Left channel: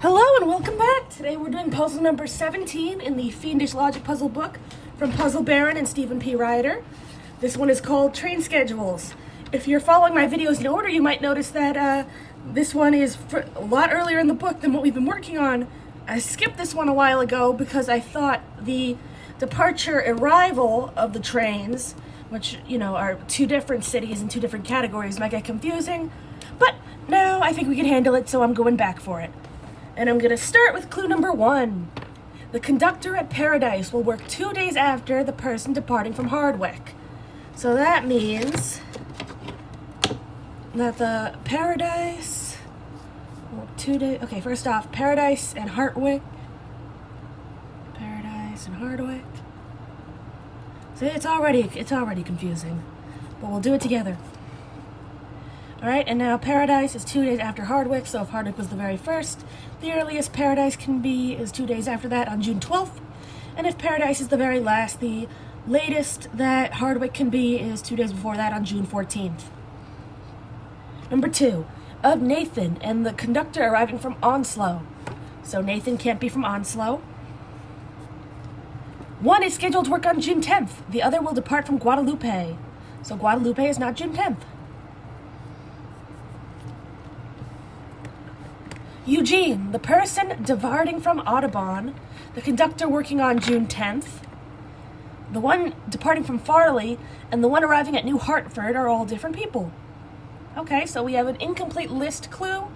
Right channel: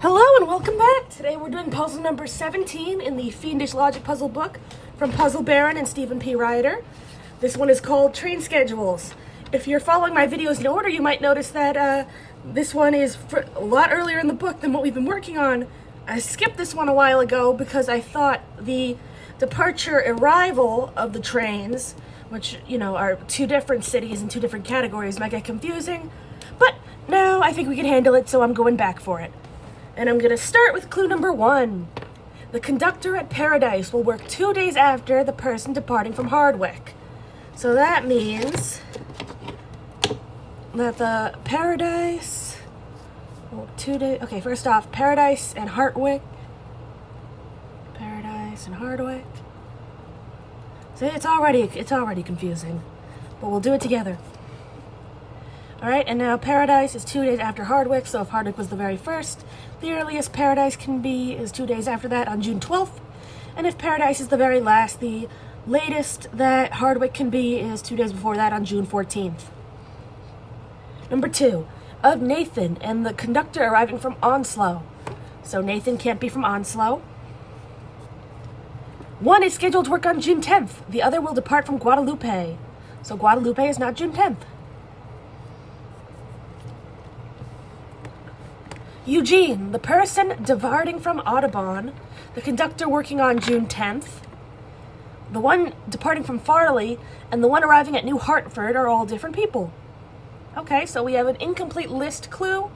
Hello and welcome back! Today we're doing puzzle number 17 in the Fiendish Logic Puzzle book from Puzzle Baron and Stephen P. Ryder. This one is called Train Schedules. If you're following my videos in order, you might notice that this one is a lot earlier in the book than what we've been working on. I skipped this one a while ago because I thought the departure arrival of the trains, which, you know, are two different cities and two different categories, might get confusing. But now I think we can handle it, so I'm going back for it. And I'm going to start with clue number 1. The conductor at Paradise will work 2 days after the person departing from Hardwick. So that means that the Paradise, well, 2 days, okay, first off, Paradise and Hardwick. Paradise and Hardwick. See, it's already confusing, but we'll do it together. All right, and now Paradise is 2 days after Hardwick, so if Hardwick was the very first, the earliest Paradise can be is 2 days after that on June 12th. And if Paradise is the very last, the latest that Hardwick can be is 2 days before that on June 14th. Number 2, of Nathan and the conductor arriving from Onslow. So Nathan can't be from Onslow. One is scheduled to work on June 10th. The other will depart from Guadalupe. So Guadalupe is not June 10th. Eugene, the person departing from Audubon, the conductor working on June 10th, the one departing from Farley, and the one arriving at New Hartford are all different people. Okay, so we have an incomplete list clue.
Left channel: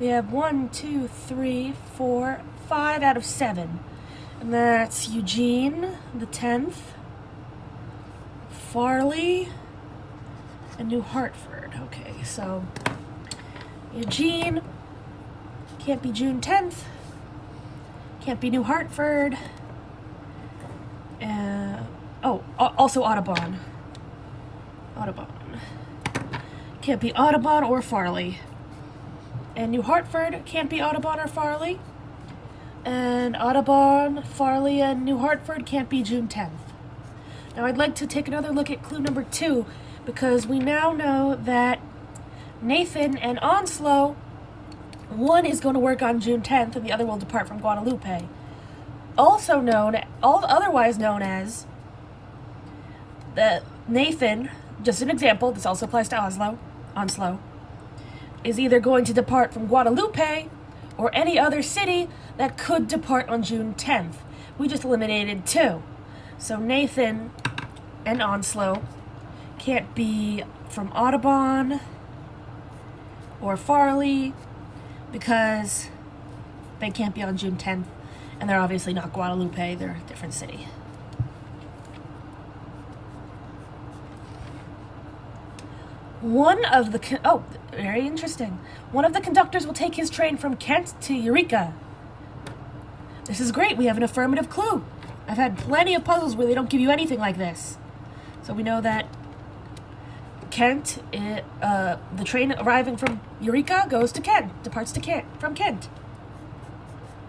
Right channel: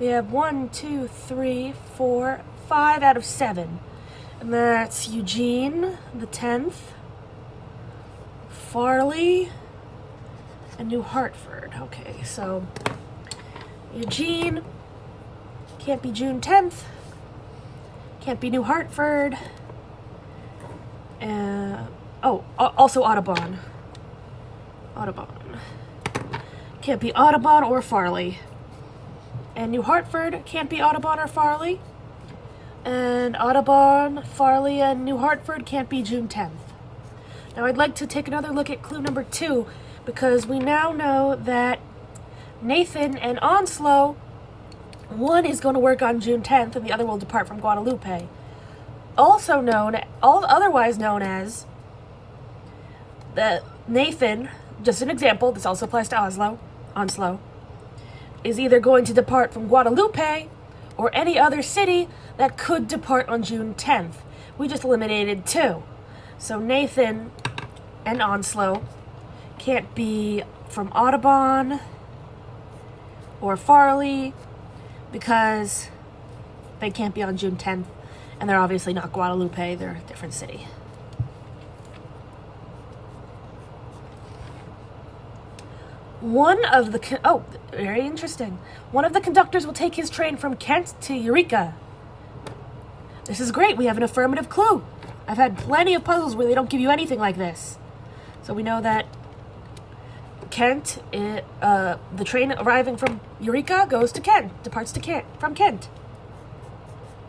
We have 1, 2, 3, 4, 5 out of 7. And that's Eugene, the 10th, Farley, and New Hartford. Okay, so Eugene can't be June 10th, can't be New Hartford, also Audubon. Can't be Audubon or Farley. And New Hartford can't be Audubon or Farley. And Audubon, Farley, and New Hartford can't be June 10th. Now I'd like to take another look at clue number 2, because we now know that Nathan and Onslow, one is going to work on June 10th and the other will depart from Guadalupe. Otherwise known as the Nathan, just an example, this also applies to Onslow, is either going to depart from Guadalupe or any other city that could depart on June 10th. We just eliminated 2. So Nathan and Onslow can't be from Audubon or Farley because they can't be on June 10th, and they're obviously not Guadalupe, they're a different city. Very interesting. One of the conductors will take his train from Kent to Eureka. This is great, we have an affirmative clue. I've had plenty of puzzles where they don't give you anything like this. So we know that Kent, the train arriving from Eureka goes to Kent, departs to Kent, from Kent.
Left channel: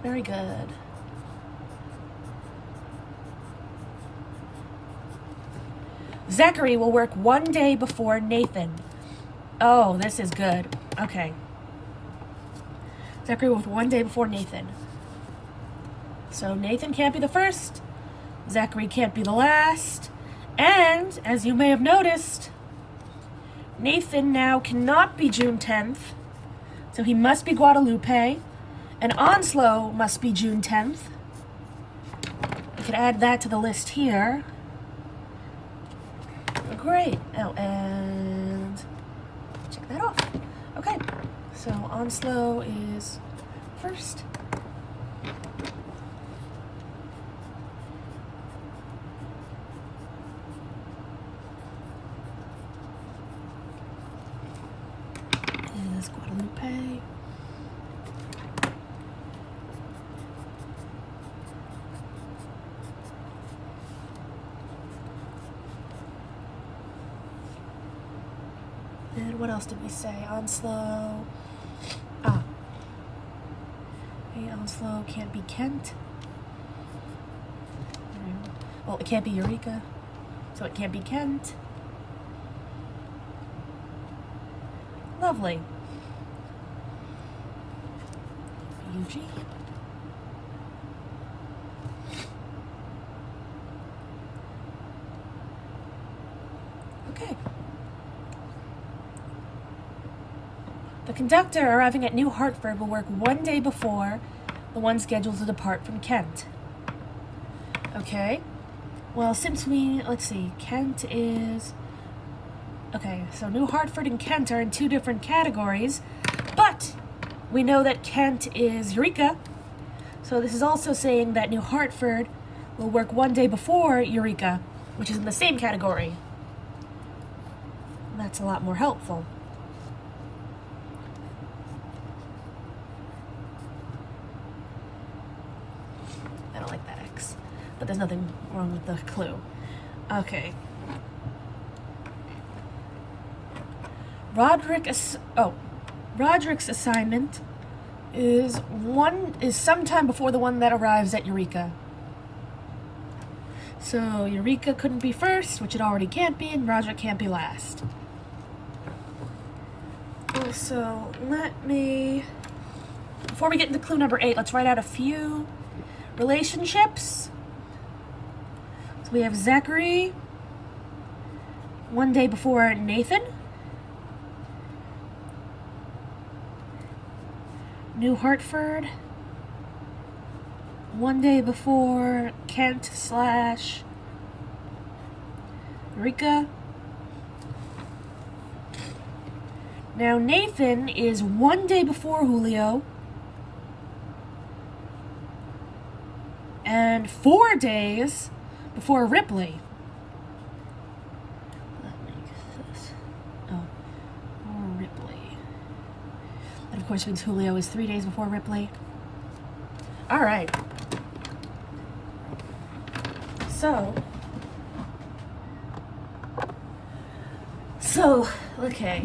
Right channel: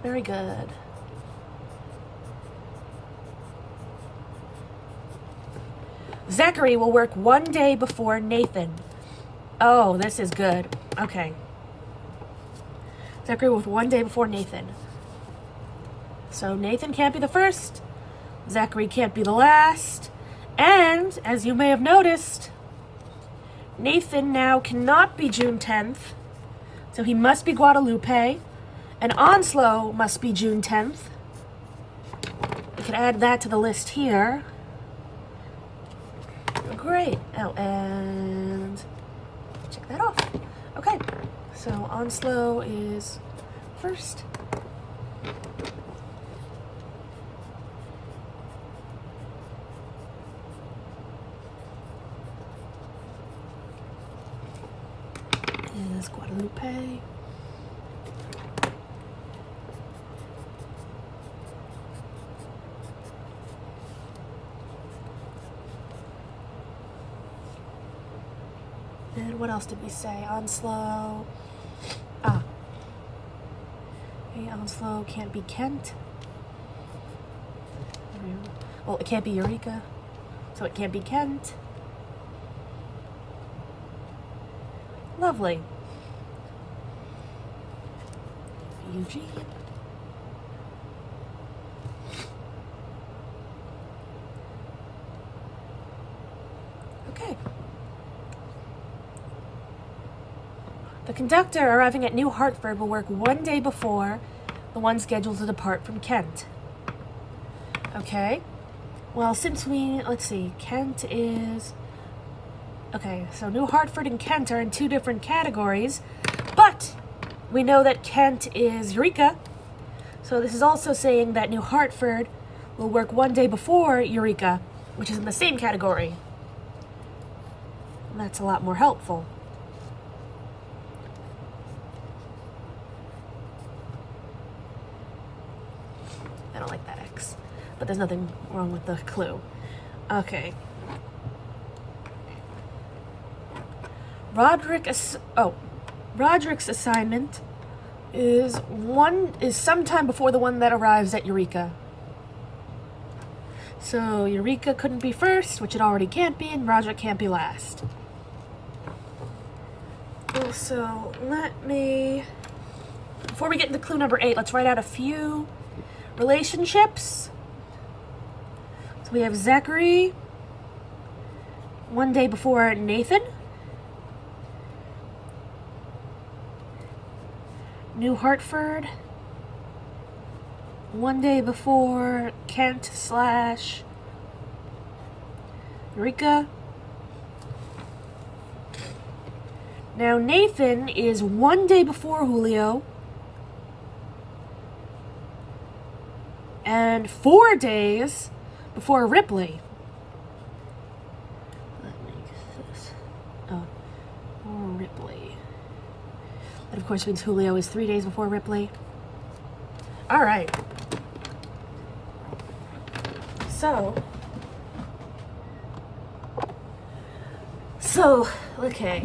Very good. Zachary will work 1 day before Nathan. Oh, this is good. Okay. Zachary will work 1 day before Nathan. So Nathan can't be the first, Zachary can't be the last, and, as you may have noticed, Nathan now cannot be June 10th, so he must be Guadalupe, and Onslow must be June 10th. We can add that to the list here. Great. Oh, and check that off. Okay, so Onslow is first. Is Guadalupe. And what else did we say? Onslow. Onslow can't be Kent. Well, it can't be Eureka, so it can't be Kent. Lovely. Eugene. Okay. The conductor arriving at New Hartford will work one day before the one scheduled to depart from Kent. Okay. Well, since let's see, Kent is... Okay, so New Hartford and Kent are in two different categories, but we know that Kent is Eureka, so this is also saying that New Hartford will work one day before Eureka, which is in the same category. And that's a lot more helpful. I don't like that X, but there's nothing wrong with the clue. Okay. Roderick's assignment is sometime before the one that arrives at Eureka. So Eureka couldn't be first, which it already can't be, and Roderick can't be last. Also, before we get into clue number 8, let's write out a few relationships. So we have Zachary one day before Nathan. New Hartford one day before Kent / Eureka. Now Nathan is one day before Julio and 4 days before Ripley. Ripley. That of course means Julio is 3 days before Ripley. All right. So, okay.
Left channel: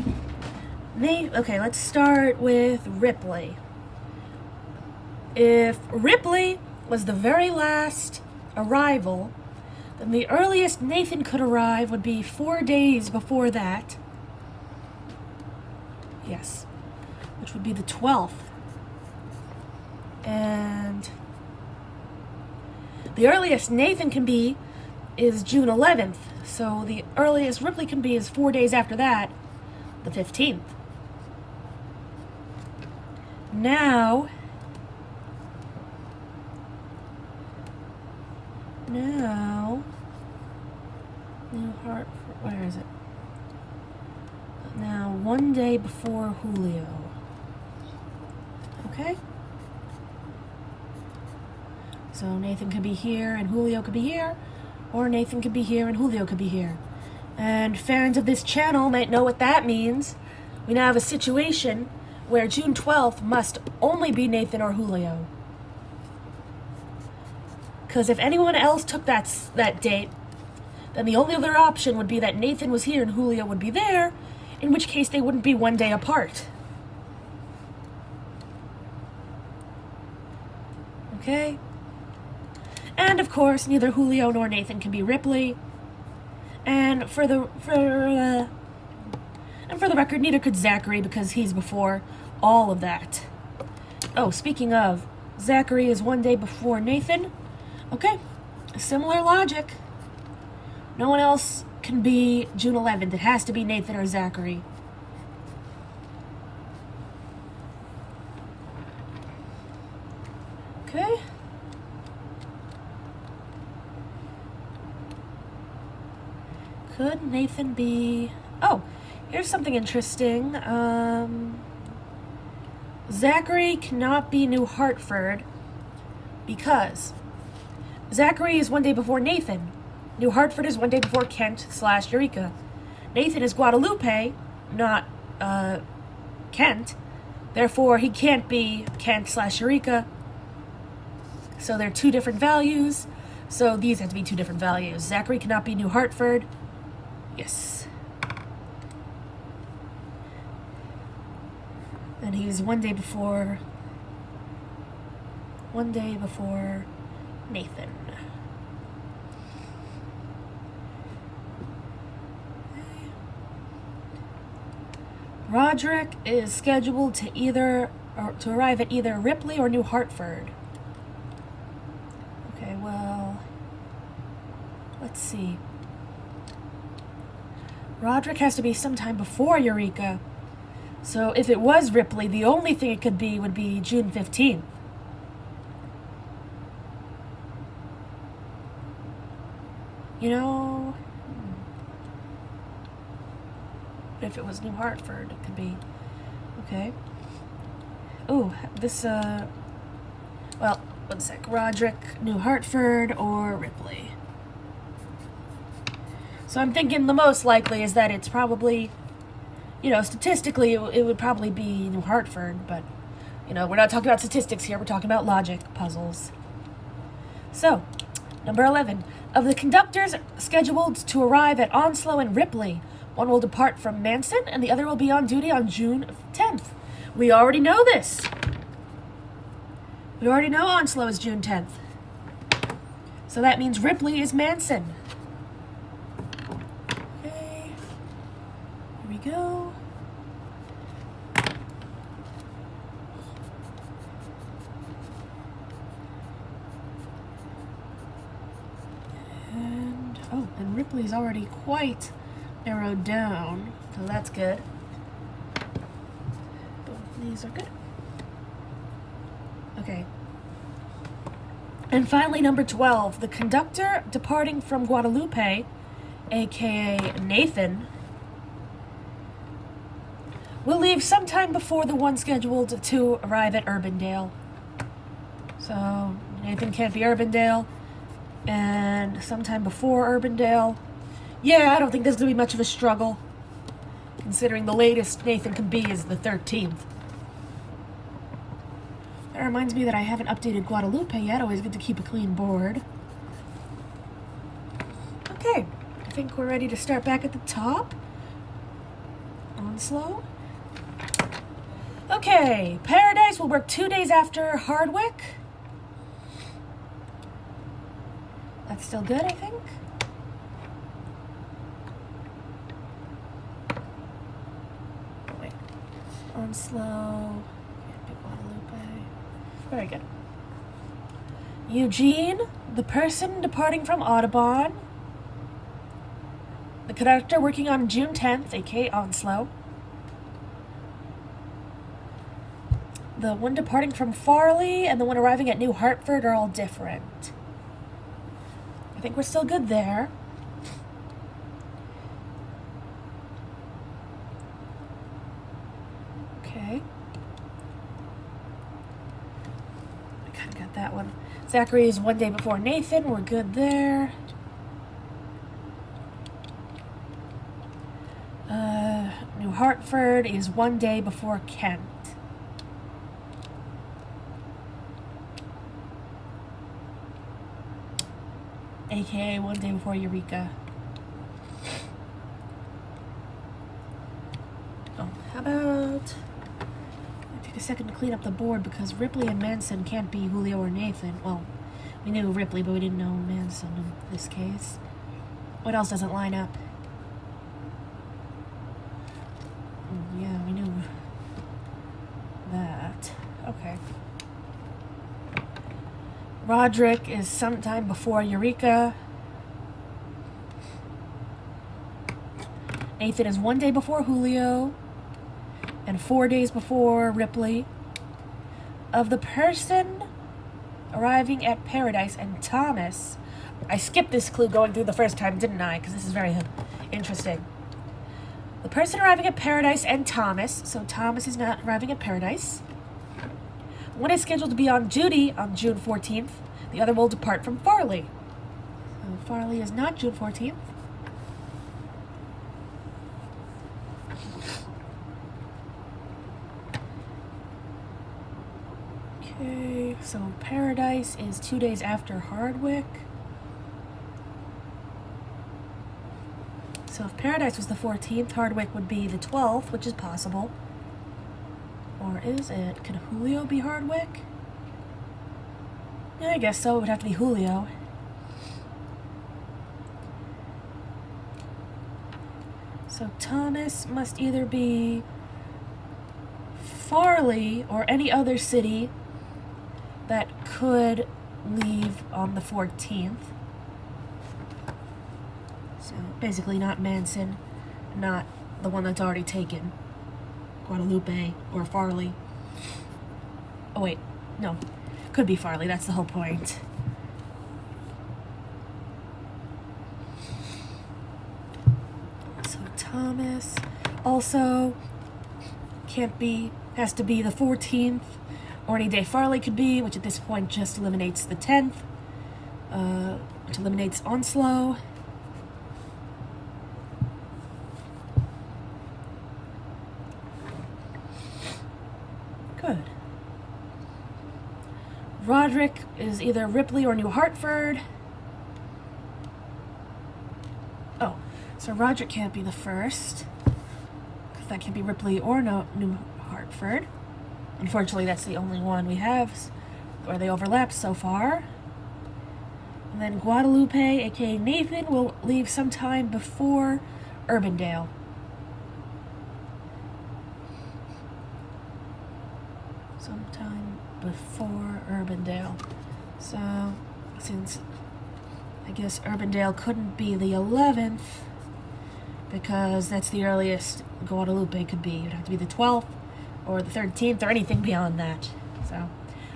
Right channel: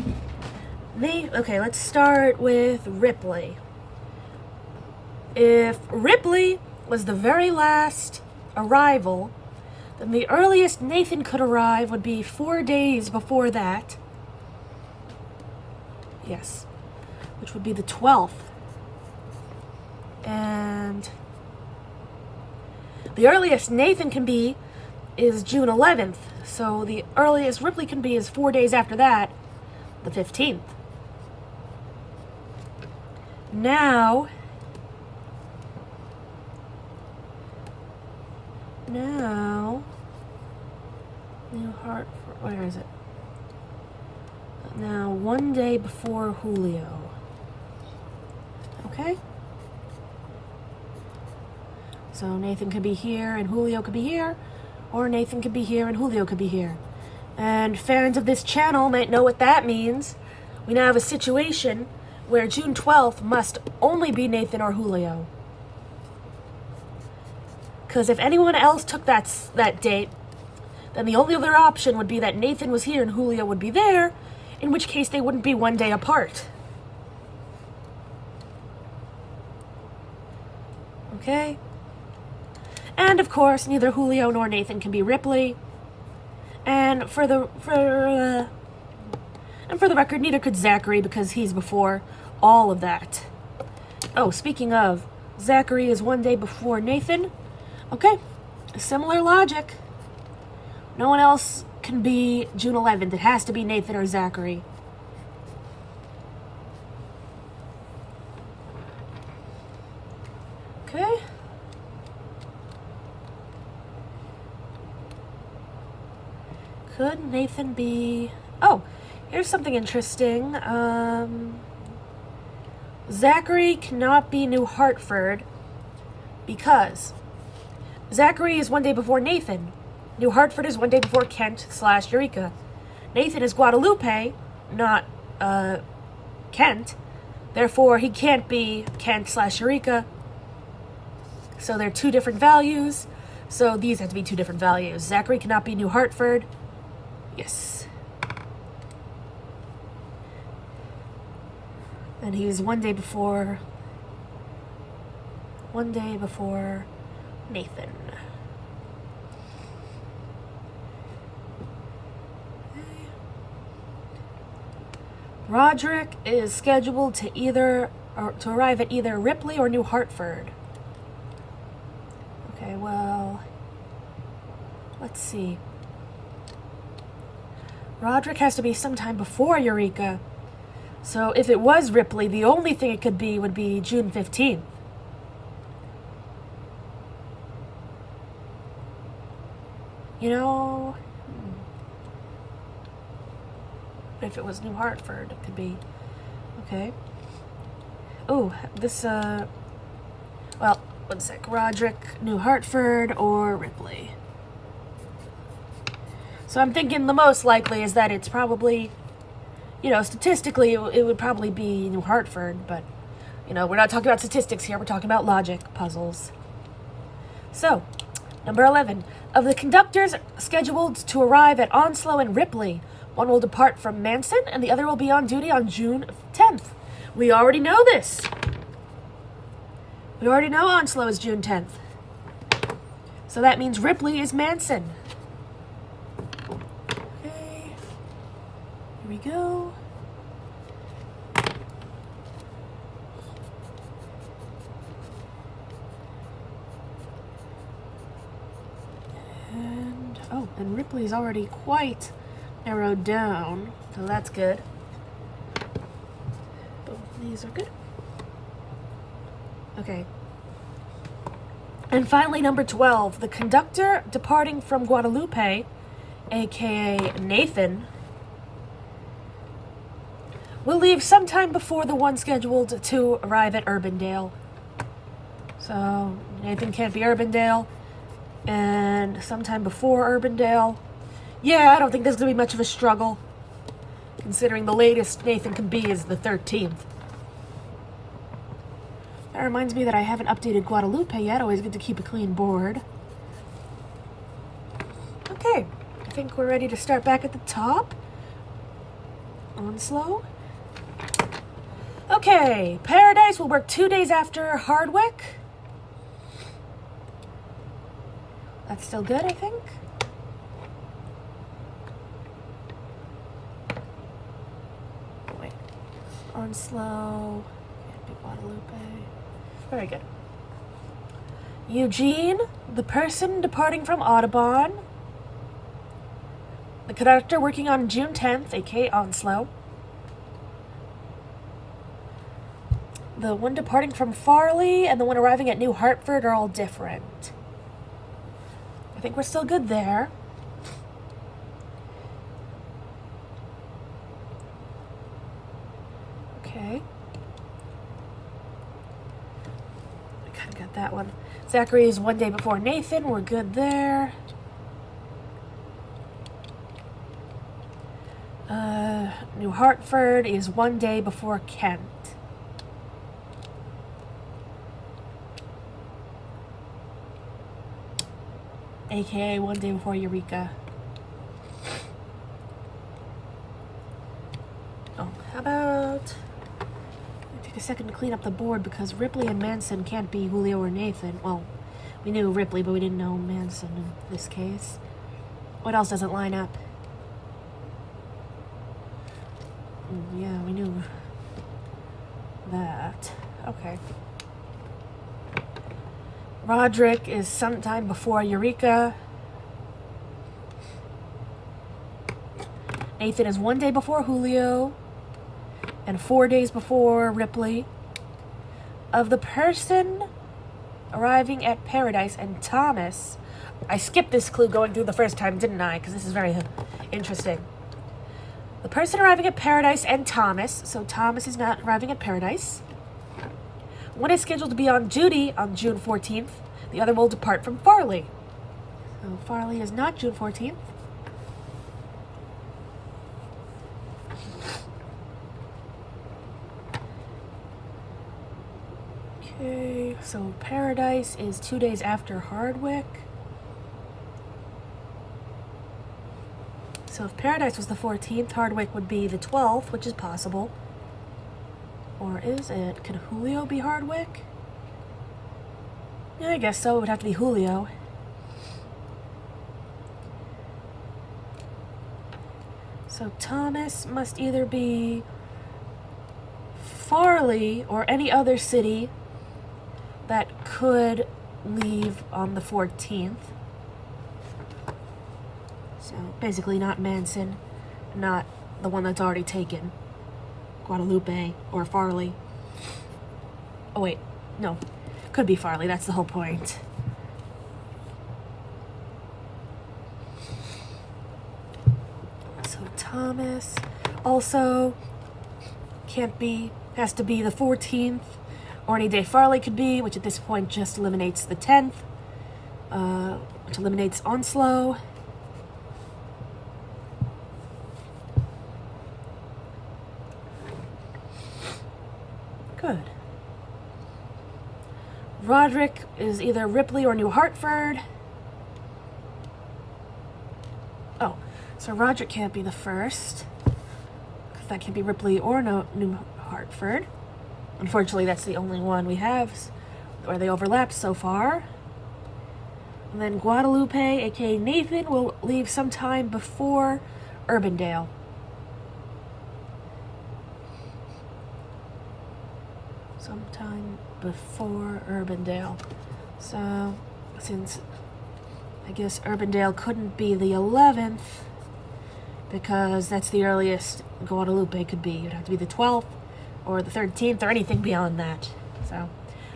Okay, let's start with Ripley. If Ripley was the very last arrival, then the earliest Nathan could arrive would be 4 days before that. Yes, which would be the 12th. And the earliest Nathan can be is June 11th. So the earliest Ripley can be is 4 days after that, the 15th. Now, New Hartford, where is it? Now, 1 day before Julio. Okay? So Nathan could be here and Julio could be here, or Nathan could be here and Julio could be here. And fans of this channel might know what that means. We now have a situation where June 12th must only be Nathan or Julio. Because if anyone else took that date, then the only other option would be that Nathan was here and Julio would be there, in which case they wouldn't be 1 day apart. Okay? And of course, neither Julio nor Nathan can be Ripley. And for the record, neither could Zachary because he's before all of that. Oh, speaking of, Zachary is 1 day before Nathan. Okay, similar logic. No one else can be June 11th. It has to be Nathan or Zachary. Okay. Could Nathan be... Oh, here's something interesting. Zachary cannot be New Hartford because Zachary is 1 day before Nathan. New Hartford is 1 day before Kent / Eureka. Nathan is Guadalupe, not Kent. Therefore, he can't be Kent / Eureka. So they're two different values. So these have to be two different values. Zachary cannot be New Hartford. Yes. And he's 1 day before Nathan. Roderick is scheduled to either or to arrive at either Ripley or New Hartford. Okay, well, let's see. Roderick has to be sometime before Eureka. So if it was Ripley, the only thing it could be would be June 15th. You know, if it was New Hartford, it could be. Okay. Oh, this, well, one sec. Roderick, New Hartford, or Ripley. So I'm thinking the most likely is that it's probably, you know, statistically it would probably be New Hartford, but, you know, we're not talking about statistics here, we're talking about logic puzzles. So, number 11. Of the conductors scheduled to arrive at Onslow and Ripley, one will depart from Manson and the other will be on duty on June 10th. We already know this. We already know Onslow is June 10th. So that means Ripley is Manson. Okay. Here we go. And Ripley's already quite narrowed down, so that's good. Both these are good. Okay. And finally, number 12. The conductor departing from Guadalupe, aka Nathan, will leave sometime before the one scheduled to arrive at Urbandale. So, Nathan can't be Urbandale. And sometime before Urbandale. Yeah, I don't think there's going to be much of a struggle, considering the latest Nathan can be is the 13th. That reminds me that I haven't updated Guadalupe yet. Always good to keep a clean board. Okay, I think we're ready to start back at the top. Onslow. Okay, Paradise will work 2 days after Hardwick. That's still good, I think. Wait. Onslow. Can't be Guadalupe. Very good. Eugene, the person departing from Audubon. The conductor working on June 10th, aka Onslow. The one departing from Farley and the one arriving at New Hartford are all different. I think we're still good there. Okay. I kind of got that one. Zachary is 1 day before Nathan. We're good there. New Hartford is 1 day before Kent. AKA 1 day before Eureka. Oh, how about... take a second to clean up the board because Ripley and Manson can't be Julio or Nathan. Well, we knew Ripley, but we didn't know Manson in this case. What else doesn't line up? Yeah, we knew that. Okay. Roderick is sometime before Eureka. Nathan is 1 day before Julio and 4 days before Ripley. Of the person arriving at Paradise and Thomas, I skipped this clue going through the first time, didn't I? Because this is very interesting. The person arriving at Paradise and Thomas, so Thomas is not arriving at Paradise. One is scheduled to be on duty on June 14th. The other will depart from Farley. So Farley is not June 14th. Okay, so Paradise is 2 days after Hardwick. So if Paradise was the 14th, Hardwick would be the 12th, which is possible. Or is it? Could Julio be Hardwick? Yeah, I guess so. It would have to be Julio. So Thomas must either be Farley or any other city that could leave on the 14th. So basically not Manson, not the one that's already taken. Guadalupe or Farley. Oh wait, no. Could be Farley, that's the whole point. So Thomas also can't be, has to be the 14th, or any day Farley could be, which at this point just eliminates the 10th, which eliminates Onslow. Good. Roderick is either Ripley or New Hartford. Oh, so Roderick can't be the first, because that can't be Ripley or New Hartford. Unfortunately, that's the only one we have where they overlap so far. And then Guadalupe, aka Nathan, will leave sometime before Urbandale. Sometime before Urbandale. So, since I guess Urbandale couldn't be the 11th, because that's the earliest Guadalupe could be. It'd have to be the 12th or the 13th or anything beyond that. So,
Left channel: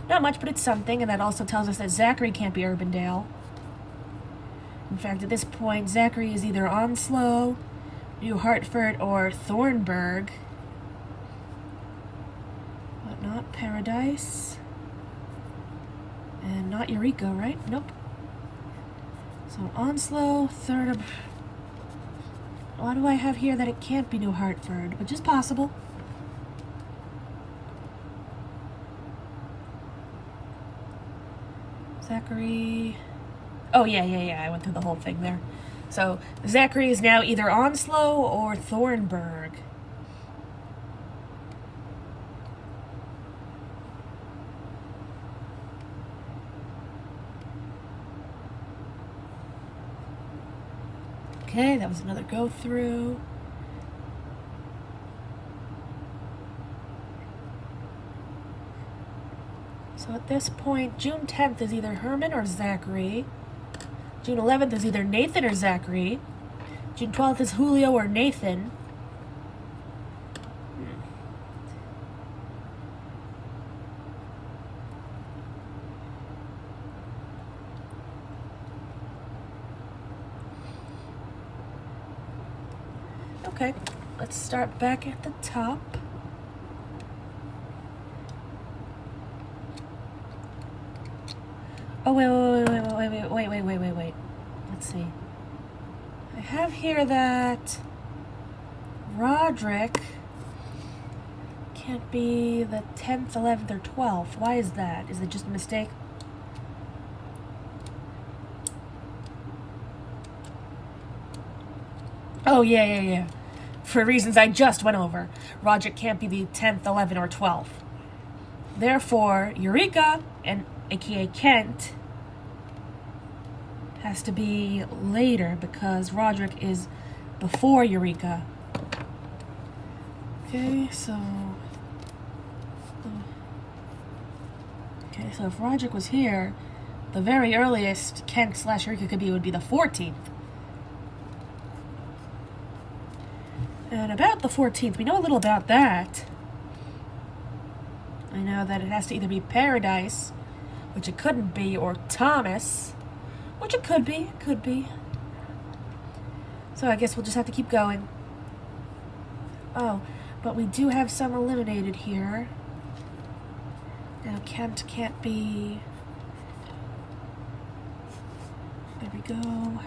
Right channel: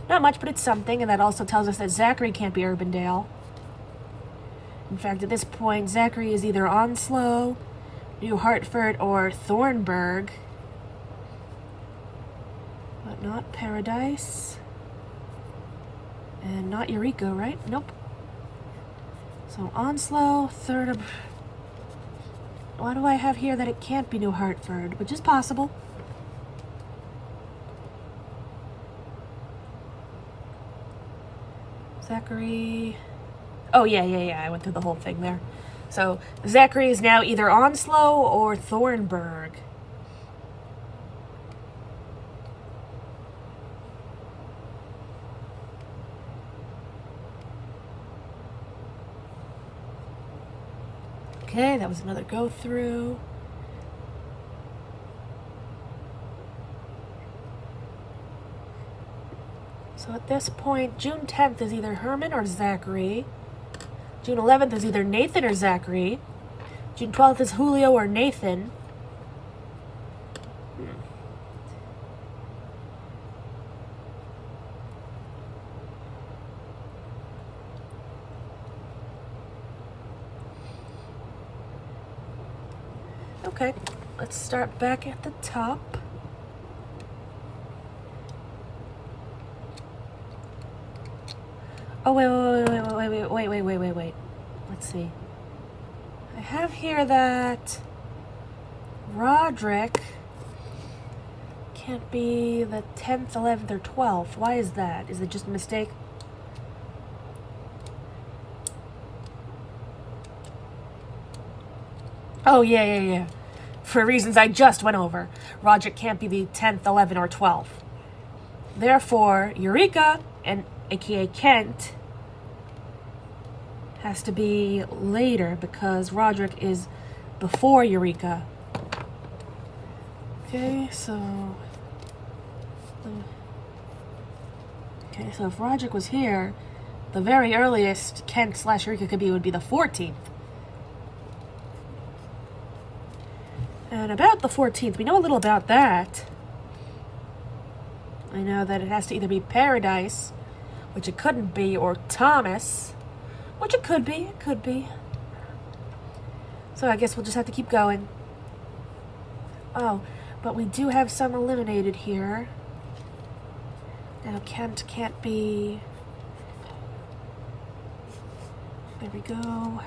not much, but it's something. And that also tells us that Zachary can't be Urbandale. In fact, at this point, Zachary is either Onslow, New Hartford, or Thornburg. But not Paradise. And not Eureka, right? Nope. So Onslow, third. Why do I have here that it can't be New Hartford? Which is possible. Zachary. Oh, yeah. I went through the whole thing there. So Zachary is now either Onslow or Thornburg. Okay, that was another go through. So at this point, June 10th is either Herman or Zachary. June 11th is either Nathan or Zachary. June 12th is Julio or Nathan. Okay, let's start back at the top. Oh, wait. Let's see. I have here that Roderick can't be the 10th, 11th, or 12th. Why is that? Is it just a mistake? Oh, yeah. For reasons I just went over. Roderick can't be the 10th, 11th, or 12th. Therefore, Eureka, and aka Kent, has to be later because Roderick is before Eureka. Okay, so if Roderick was here, the very earliest Kent/Eureka could be would be the 14th. And about the 14th, we know a little about that. I know that it has to either be Paradise, which it couldn't be, or Thomas, which it could be. So I guess we'll just have to keep going. Oh, but we do have some eliminated here. Now Kent can't be. There we go.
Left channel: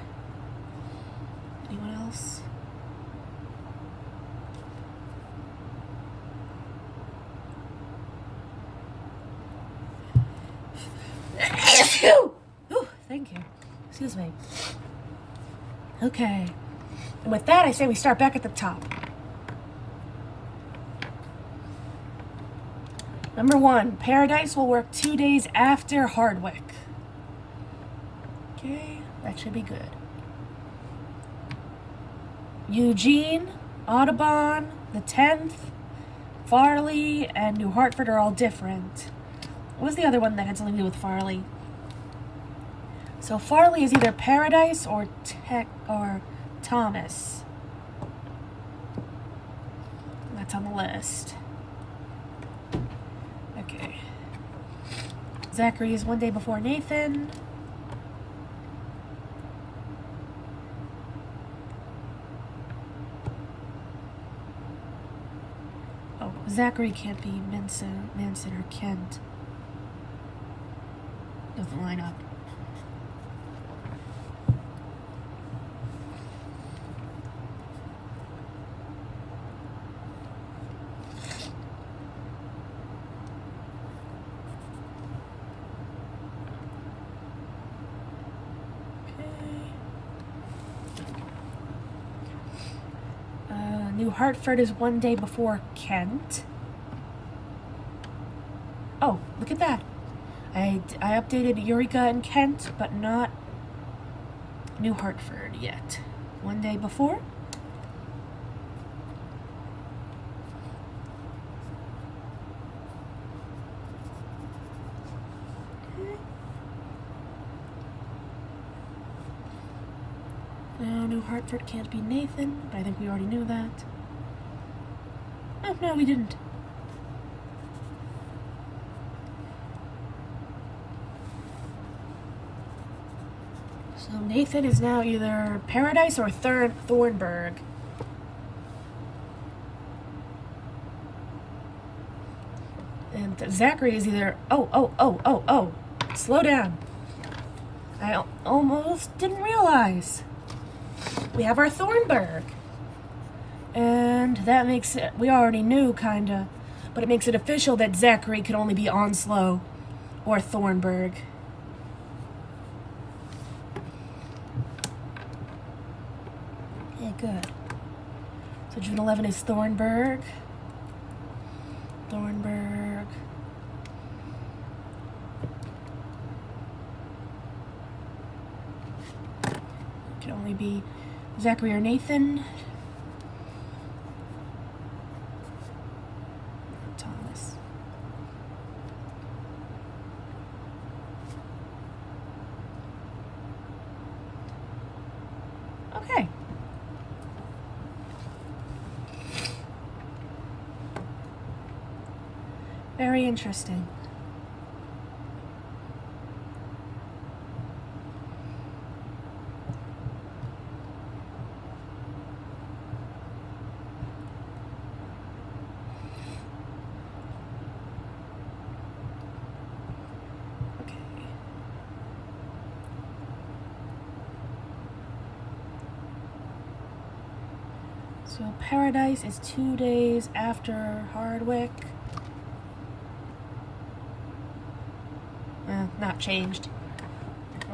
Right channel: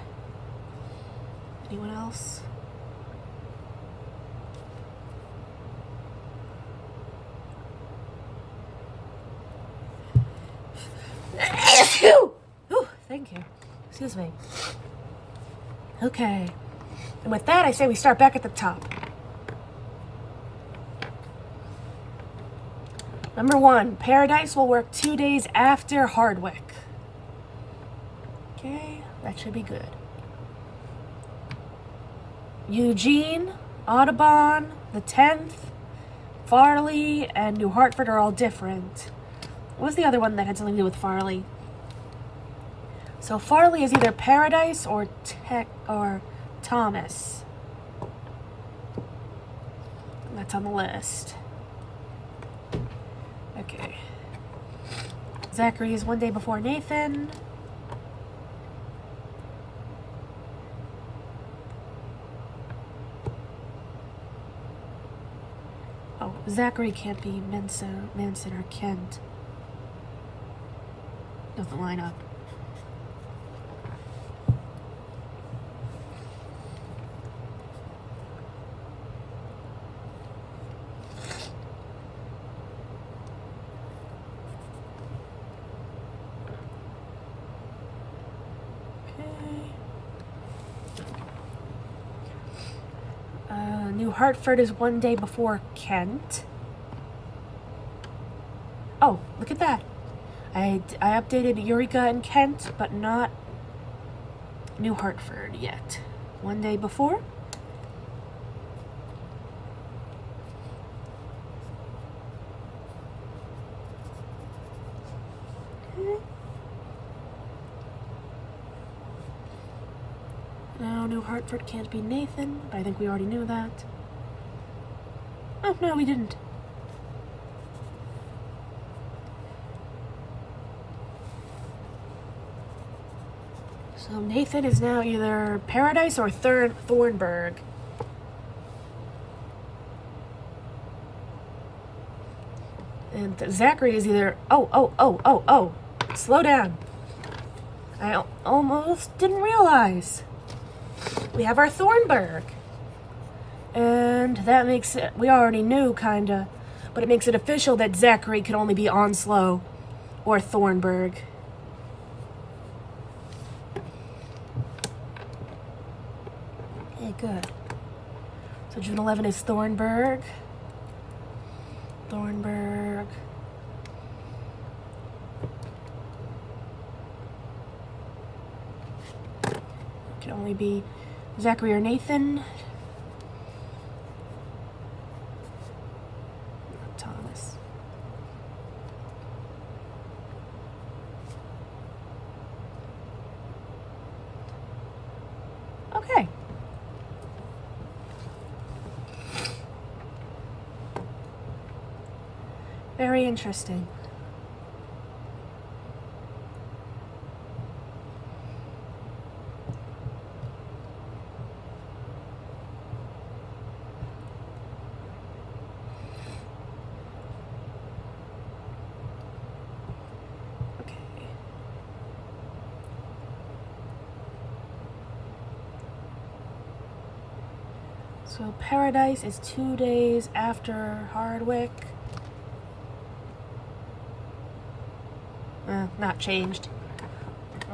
Anyone else? Ooh, thank you. Excuse me. Okay. And with that, I say we start back at the top. Number 1, Paradise will work 2 days after Hardwick. Okay, that should be good. Eugene, Audubon, the 10th, Farley and New Hartford are all different. What was the other one that had something to do with Farley? So Farley is either Paradise or Thomas. That's on the list. Okay. Zachary is one day before Nathan. Oh, Zachary can't be Manson or Kent. Doesn't line up. New Hartford is one day before Kent. Oh, look at that. I updated Eureka and Kent, but not New Hartford yet. One day before. No, New Hartford can't be Nathan, but I think we already knew that. Oh, no, we didn't. So Nathan is now either Paradise or Thornburg. And Zachary is either... Oh. Slow down. I almost didn't realize. We have our Thornburg. And that makes it... We already knew, kinda. But it makes it official that Zachary could only be Onslow or Thornburg. Okay, good. So June 11 is Thornburg. Thornburg. Can only be Zachary or Nathan. Thomas. Okay. Very interesting. So Paradise is 2 days after Hardwick. Not changed.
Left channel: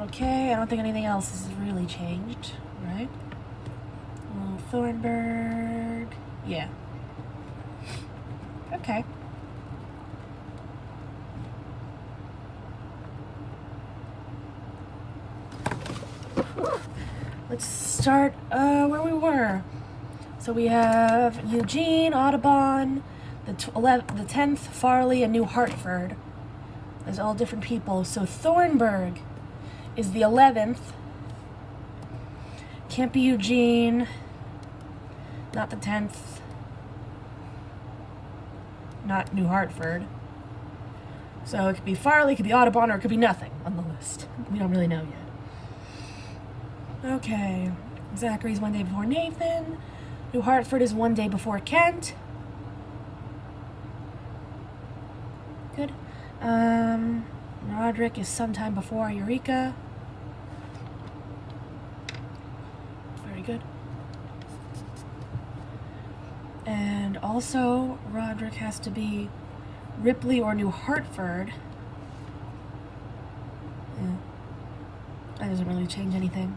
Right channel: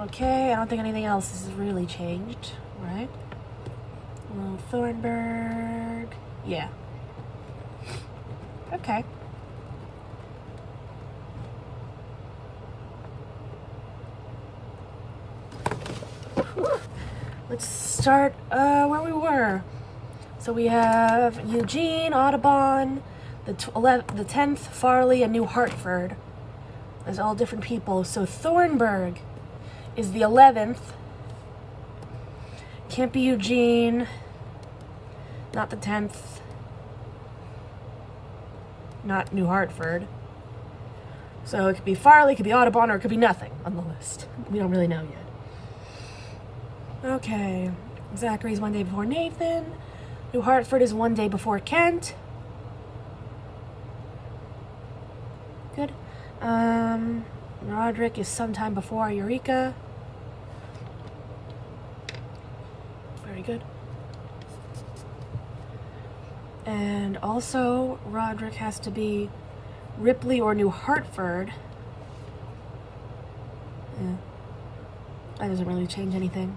Okay, I don't think anything else is really changed, right? Well, Thornburg. Yeah. Okay. Let's start where we were. So we have Eugene, Audubon, the 10th, Farley, and New Hartford. There's all different people. So Thornburg is the 11th. Can't be Eugene. Not the 10th. Not New Hartford. So it could be Farley, it could be Audubon, or it could be nothing on the list. We don't really know yet. Okay. Zachary's one day before Nathan. New Hartford is one day before Kent. Good. Roderick is sometime before Eureka. Very good. And also, Roderick has to be Ripley or New Hartford. Yeah. That doesn't really change anything.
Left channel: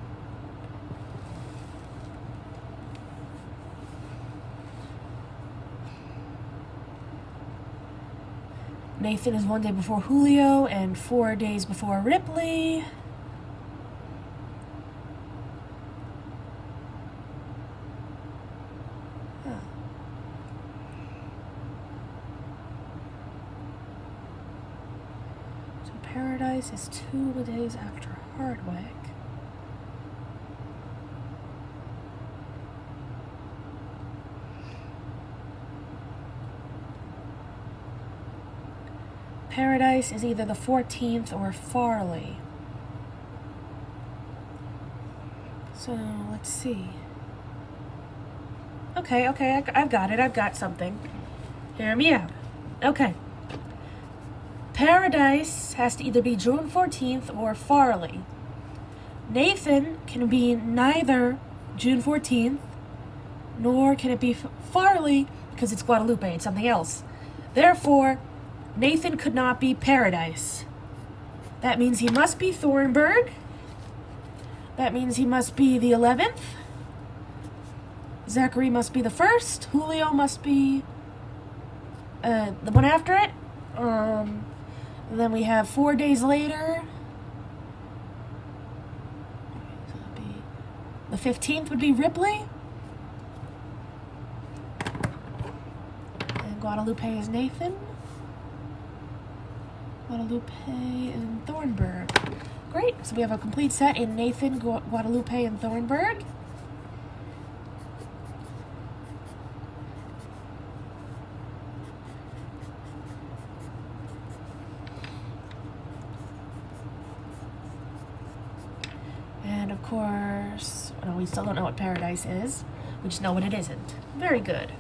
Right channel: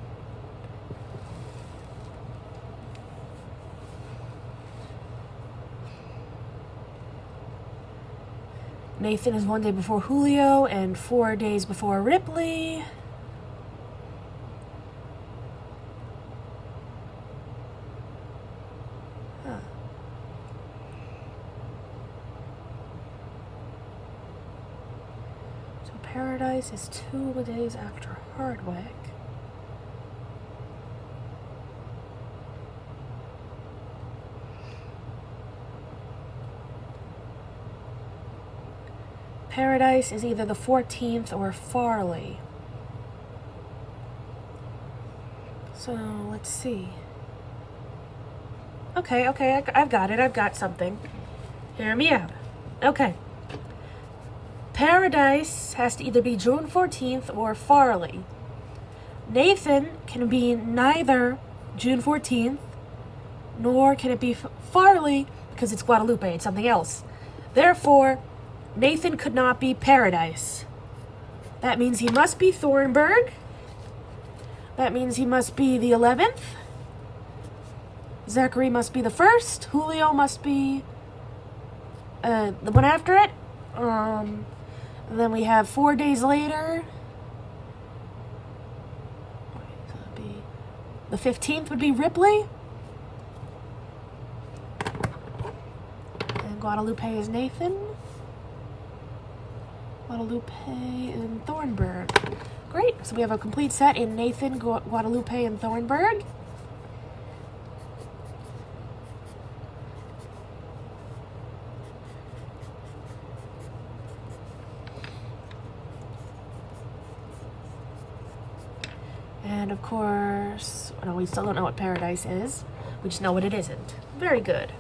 Nathan is one day before Julio and 4 days before Ripley. Huh. Paradise is 2 days after Hardwick. Paradise is either the 14th or Farley. So, let's see. Okay, I've got it. I've got something. Hear me out. Okay. Paradise has to either be June 14th or Farley. Nathan can be neither June 14th, nor can it be Farley because it's Guadalupe. It's something else. Therefore, Nathan could not be Paradise. That means he must be Thornburg. That means he must be the 11th. Zachary must be the 1st. Julio must be the one after it. And then we have 4 days later. So that'd be the 15th would be Ripley. And Guadalupe is Nathan. Guadalupe and Thornburg. Great, so we have a complete set in Nathan, Guadalupe, and Thornburg. And of course, well, we still don't know what Paradise is. We just know what it isn't. Very good.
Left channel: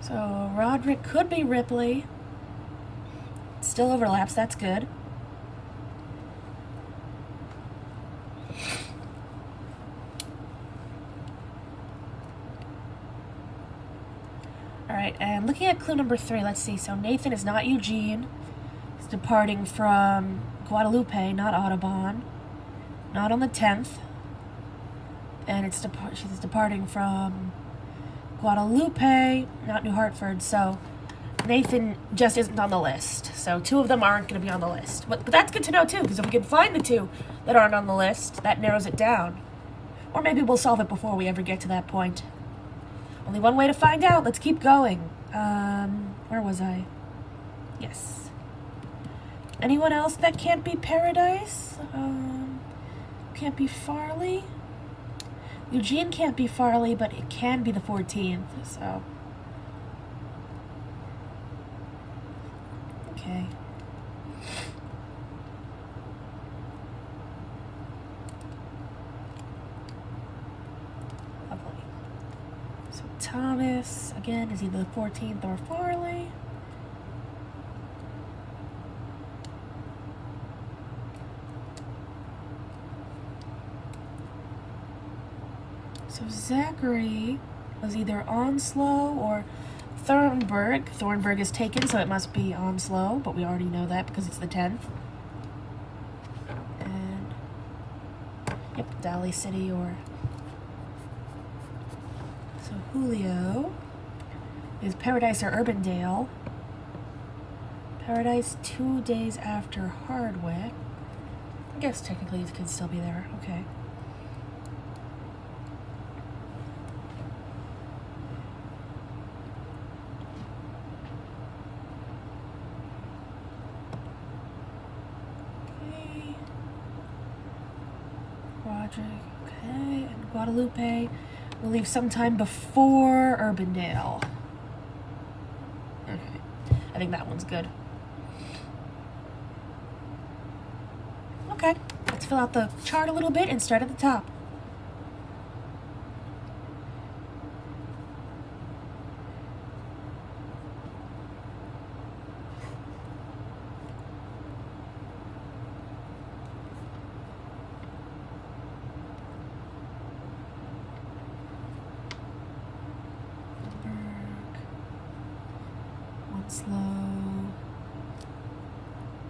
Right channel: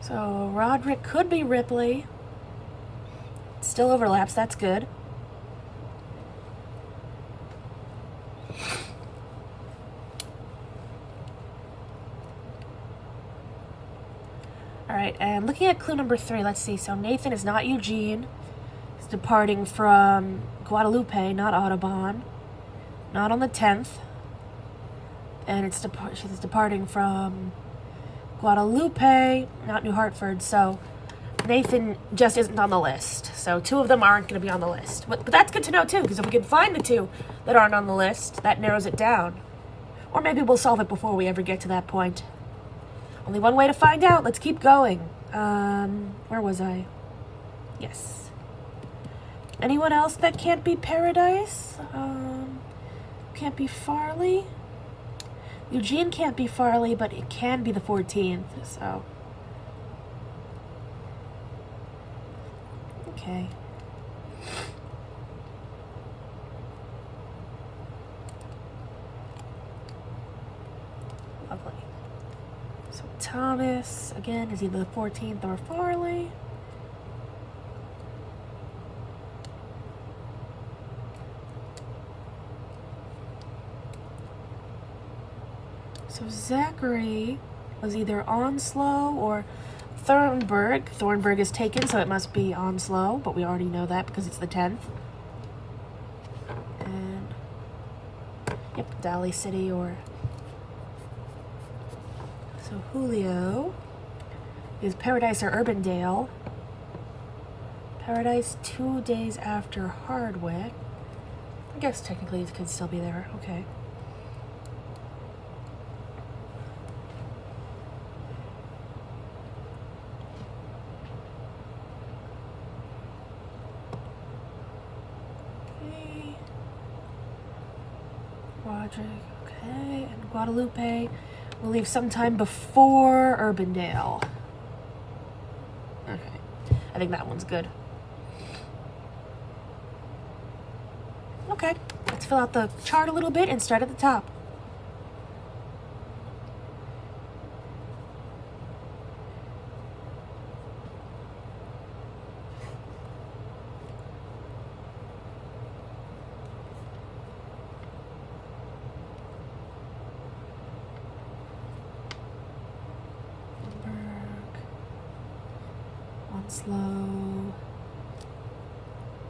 So Roderick could be Ripley. Still overlaps, that's good. Alright, and looking at clue number 3, let's see. So Nathan is not Eugene. He's departing from Guadalupe, not Audubon. Not on the 10th. And she's departing from Guadalupe, not New Hartford, so Nathan just isn't on the list. So 2 of them aren't going to be on the list. But that's good to know too, because if we can find the 2 that aren't on the list, that narrows it down. Or maybe we'll solve it before we ever get to that point. Only one way to find out. Let's keep going. Where was I? Yes. Anyone else that can't be Paradise? Can't be Farley? Eugene can't be Farley, but it can be the 14th, so. Okay. Lovely. So Thomas, again, is either the 14th or Farley. So Zachary was either Onslow or Thornburg. Thornburg is taken, so it must be Onslow, but we already know that because it's the 10th. And, yep, Daly City or... So Julio is Paradise or Urbandale. Paradise 2 days after Hardwick. I guess technically it could still be there. Okay. Okay, and Guadalupe will leave sometime before Urbandale. Okay, I think that one's good. Okay, let's fill out the chart a little bit and start at the top. Slow.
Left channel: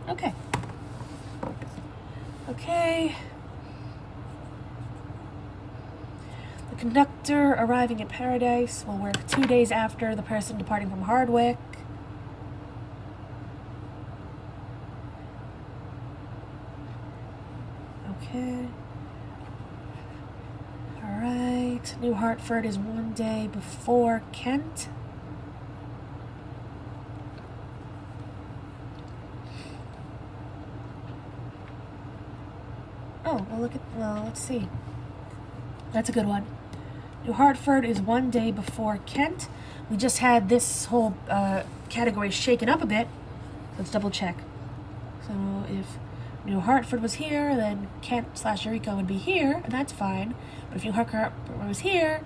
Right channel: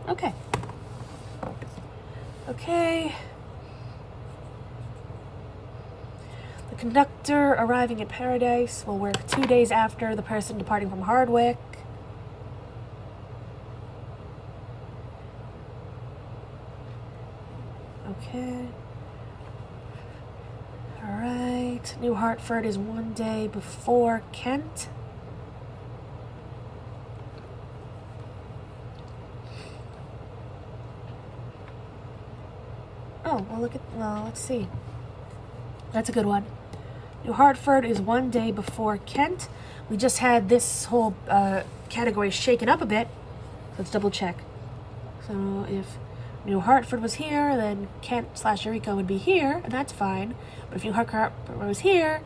Okay. Okay. The conductor arriving at Paradise will work 2 days after the person departing from Hardwick. Okay. All right. New Hartford is 1 day before Kent. Oh, well, let's see. That's a good one. New Hartford is 1 day before Kent. We just had this whole category shaken up a bit. Let's double check. So if New Hartford was here, then Kent/Eureka would be here, and that's fine. But if New Hartford was here,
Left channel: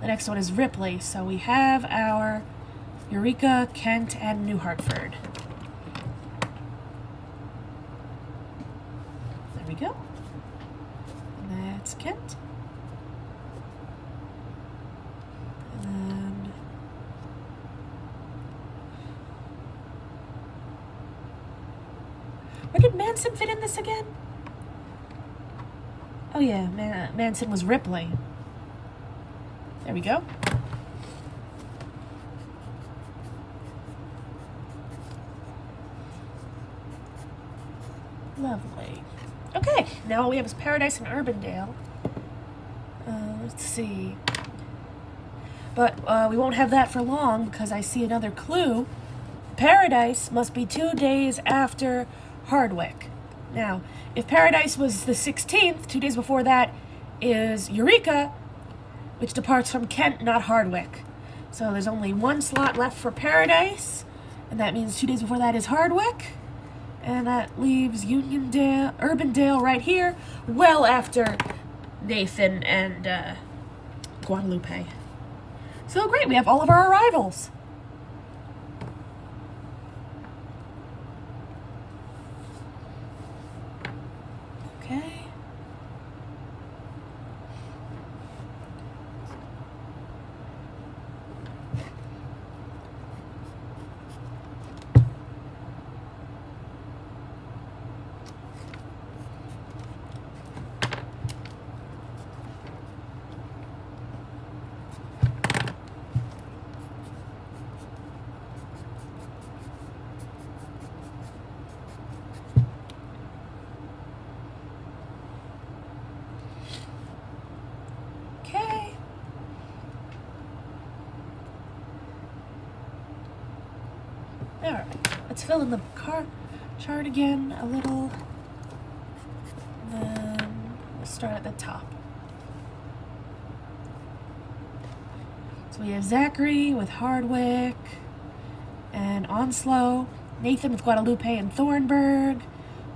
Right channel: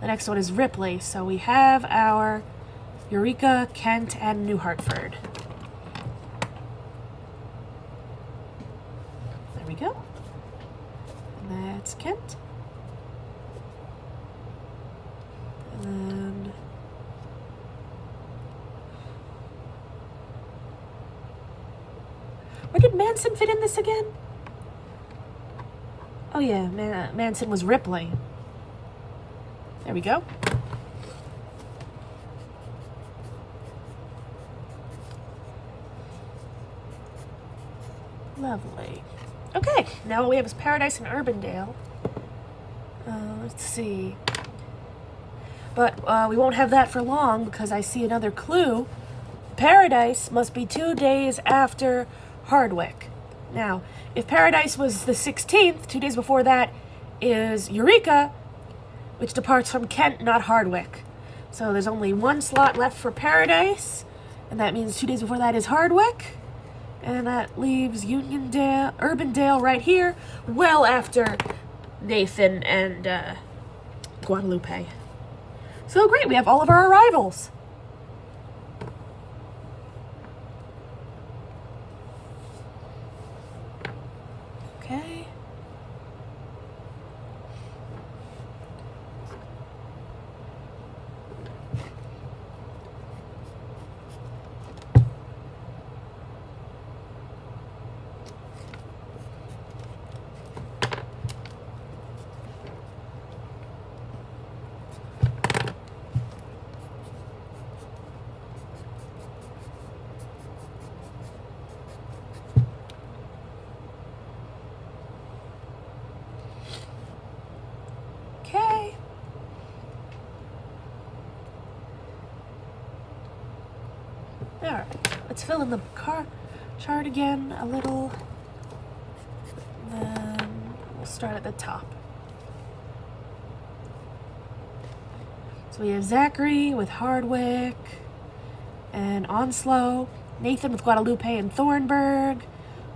the next one is Ripley. So we have our Eureka, Kent, and New Hartford. There we go. And that's Kent. And then where did Manson fit in this again? Oh yeah, Manson was Ripley. There we go. Lovely. Okay, now all we have is Paradise and Urbandale. Let's see. But we won't have that for long because I see another clue. Paradise must be 2 days after Hardwick. Now, if Paradise was the 16th, 2 days before that is Eureka, which departs from Kent, not Hardwick. So there's only one slot left for Paradise, and that means 2 days before that is Hardwick. And that leaves Urbandale right here, well after Nathan and Guadalupe. So great, we have all of our arrivals. Okay. Alright, let's fill in the chart again a little. Then we'll start at the top. So we have Zachary with Hardwick and Onslow, Nathan with Guadalupe and Thornburg,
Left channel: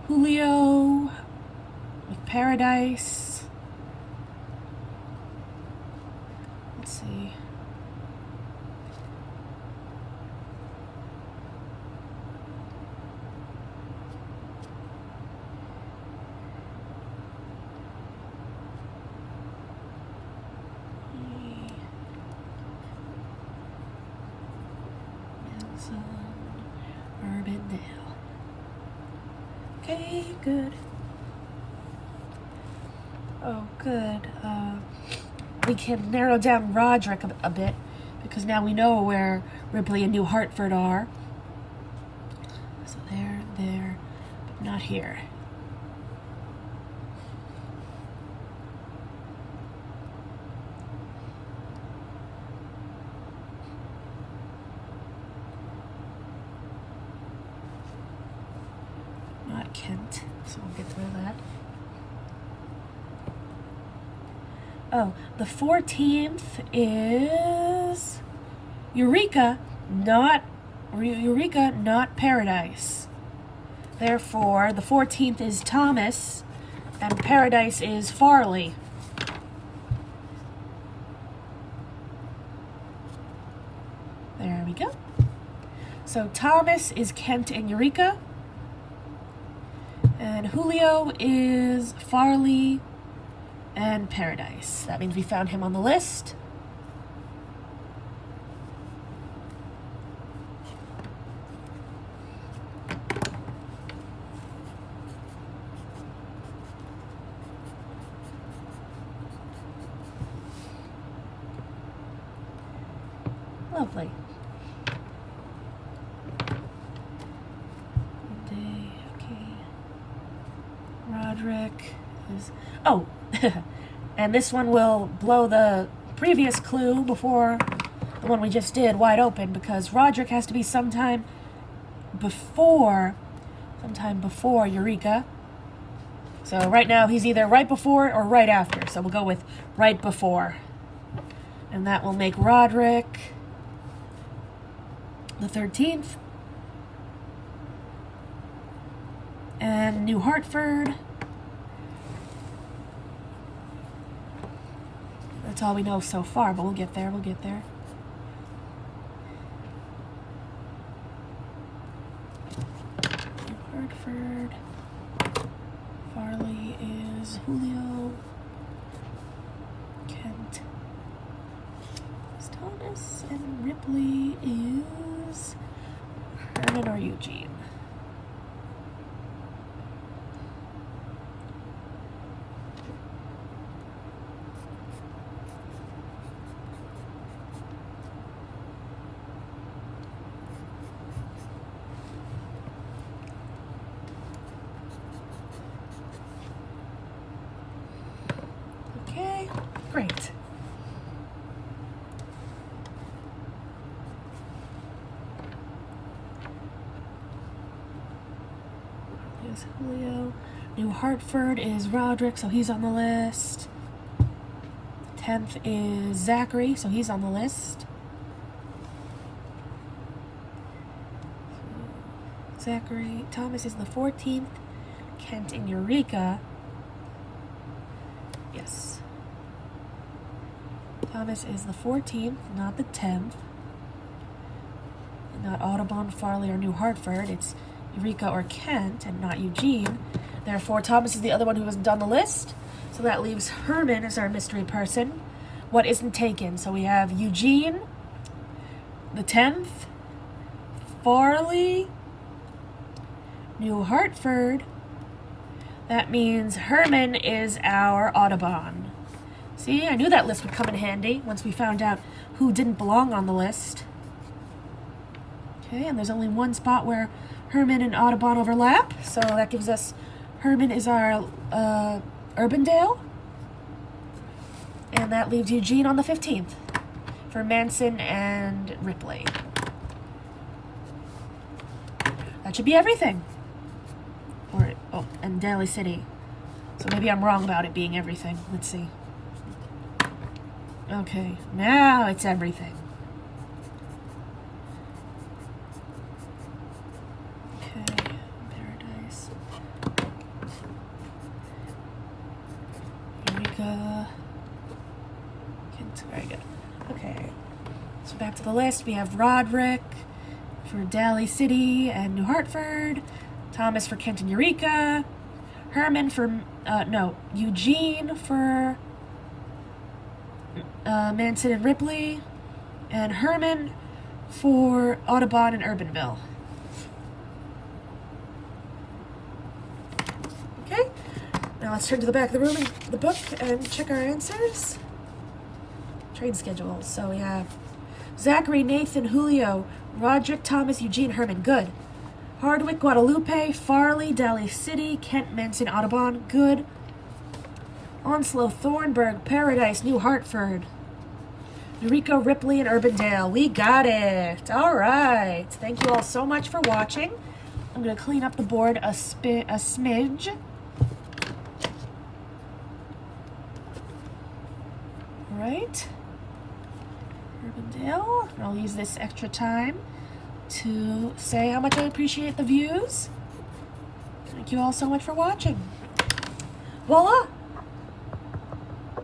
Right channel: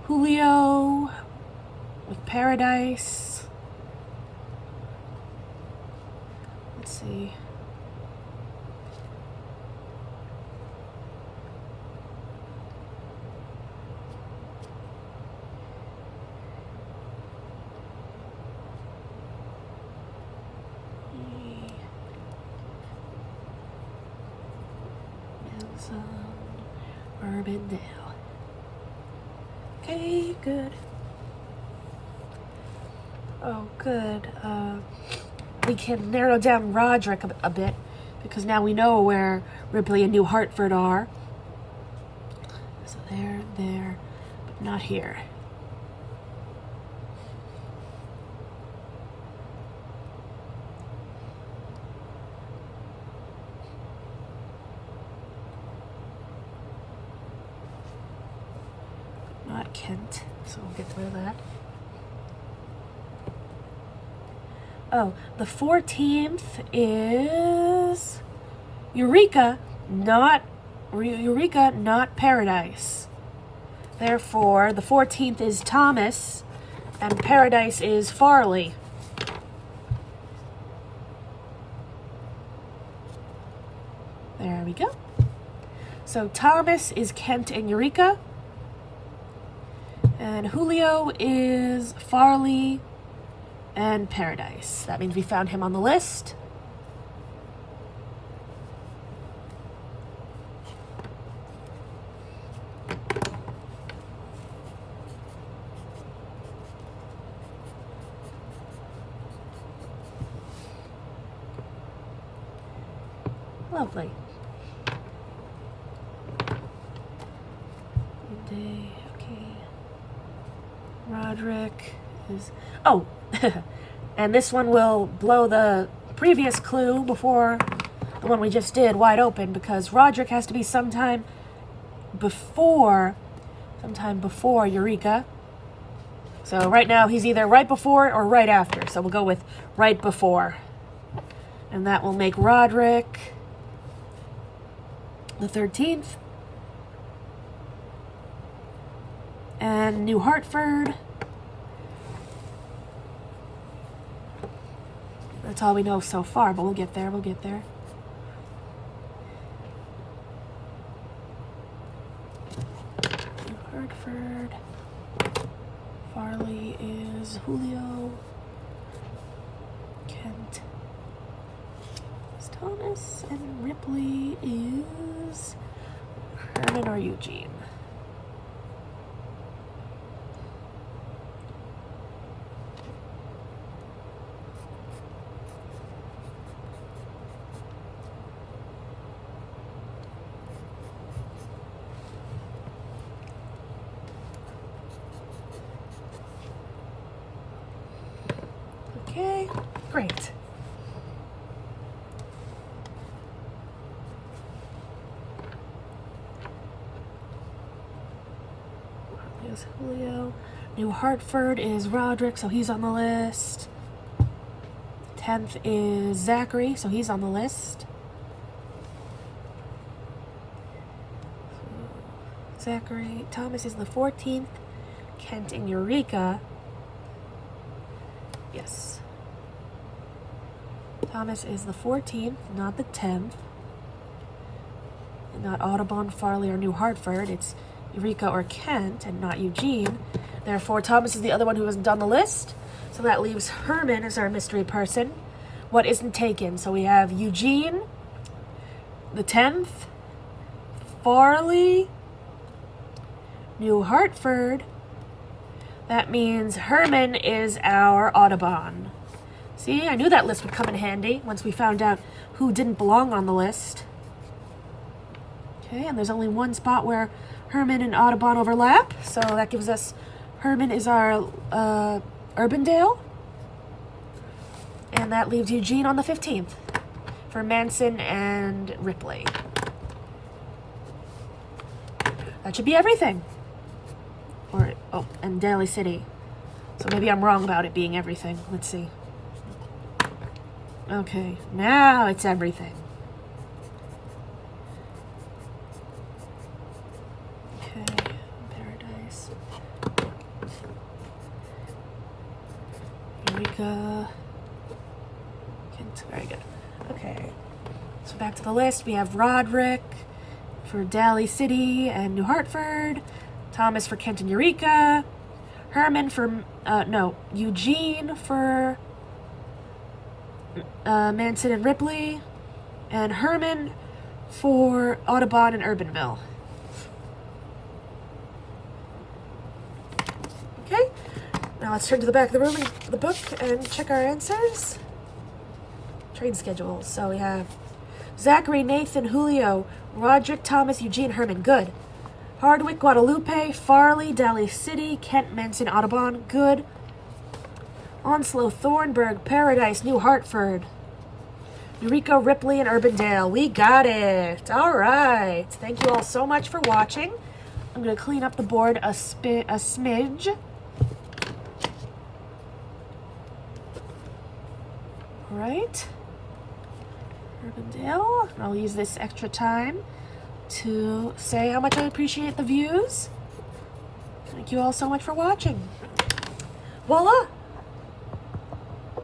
Julio with Paradise. Let's see. Urbandale. Okay, good. Oh, good. We can narrow down Roderick a bit because now we know where Ripley and New Hartford are. So there, but not here. Not Kent, so we'll get through that. Oh, the 14th is Eureka, not Paradise. Therefore, the 14th is Thomas, and Paradise is Farley. There we go. So Thomas is Kent and Eureka, and Julio is Farley and Paradise. That means we found him on the list. Lovely. Roderick is... Oh! And this one will blow the previous clue before the one we just did wide open, because Roderick has to be sometime before Eureka. So right now he's either right before or right after. So we'll go with right before. And that will make Roderick the 13th. And New Hartford. That's all we know so far, but we'll get there, we'll get there. New Hartford. Farley is Julio. Kent is Thomas. And Ripley is Herman or Eugene. Okay, great. There's Julio. New Hartford is Roderick, so he's on the list. 10th is Zachary, so he's on the list. Zachary. Thomas is the 14th. Kent and Eureka. Yes. Thomas is the 14th, not the 10th. Not Audubon, Farley, or New Hartford. It's Eureka or Kent, and not Eugene. Therefore, Thomas is the other one who hasn't done the list. So that leaves Herman as our mystery person. What isn't taken? So we have Eugene, the 10th, Farley, New Hartford. That means Herman is our Audubon. See, I knew that list would come in handy once we found out who didn't belong on the list. Okay, and there's only one spot where Herman and Audubon overlap, so that gives us Herman is our Urbandale. And that leaves Eugene on the 15th for Manson and Ripley. That should be everything. Or, oh, and Daly City. So maybe I'm wrong about it being everything. Let's see. Okay, now it's everything. Okay, Paradise. Eureka. Kent, very good. Okay, so back to the list. We have Roderick for Daly City and New Hartford. Thomas for Kent and Eureka. Herman for, Eugene for Manson and Ripley. And Herman for Audubon and Urbanville. Okay, now let's turn to the back of the room and the book and check our answers. Train schedules. So we have Zachary, Nathan, Julio, Roderick, Thomas, Eugene, Herman. Good. Hardwick, Guadalupe, Farley, Daly City, Kent, Manson, Audubon. Good. Onslow, Thornburg, Paradise, New Hartford. Eureka, Ripley, and Urbandale. We got it. All right. Thank you all so much for watching. I'm going to clean up the board a smidge. All right. Urbandale. I'll use this extra time to say how much I appreciate the views. Thank you all so much for watching. Voila!